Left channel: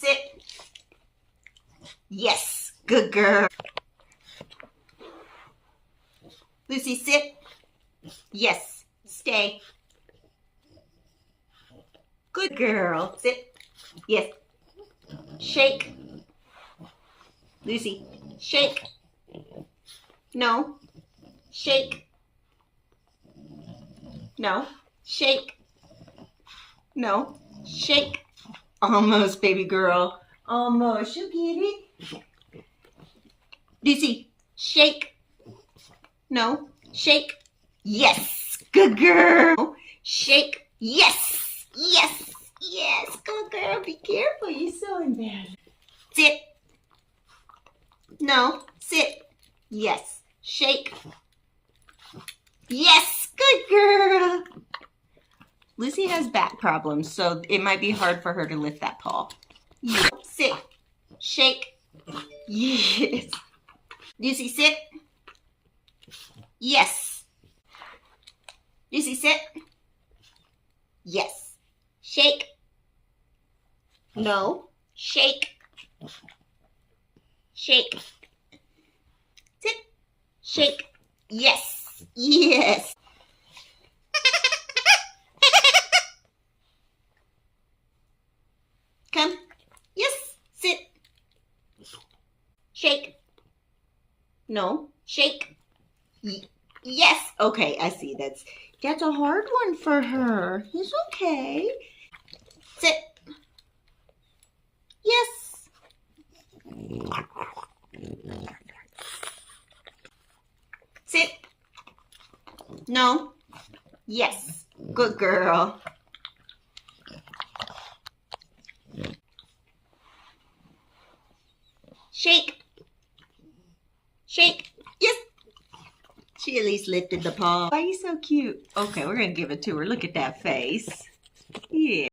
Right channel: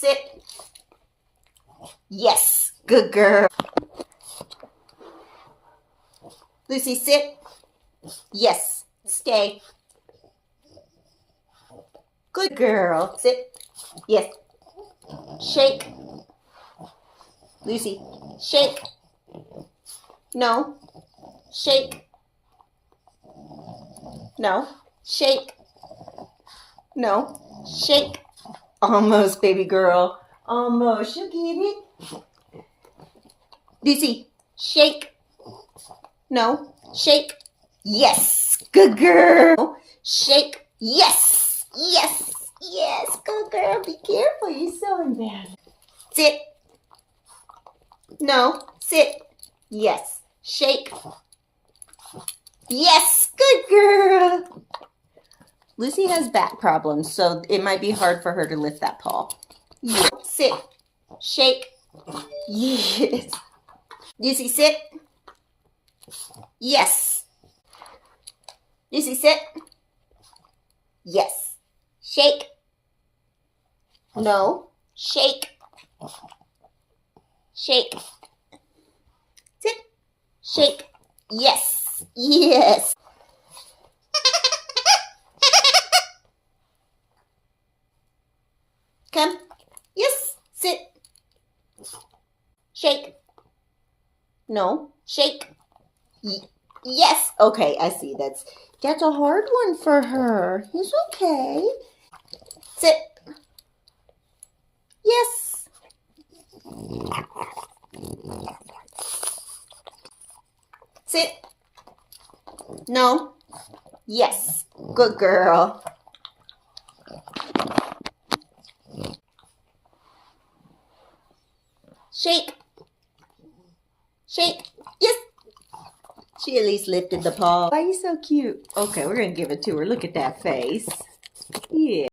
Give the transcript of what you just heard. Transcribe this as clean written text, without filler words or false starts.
Sit. Yes, good girl. Lucy, sit. Yes, stay. Good girl. Sit. Yes. Shake. Lucy, shake. No. Shake. No. Shake. No. Shake. Almost, baby girl. Almost. You get it? Lucy, shake. No. Shake. Yes. Good girl. Shake. Yes. Yes. Yes. Good girl. Be careful. You're so embarrassed. Sit. No. Sit. Yes. Shake. Yes. Good girl. Lucy has back problems, so it might be hard for her to lift that paw. Yeah. Sit. Shake. Yes. Lucy, sit. Yes. Lucy, sit. Yes. Shake. No. Shake. Shake. Sit. Shake. Yes. Yes. Come. Yes. Sit. Shake. No. Shake. Yes. Okay, I see. That's a hard one for her. It's okay. Sit. Yes. Sit. No. Yes. Good girl. Shake. Shake. Yes. She at least lifted the paw. Why are you so cute? Okay, we're going to give it to her. Look at that face. Yeah.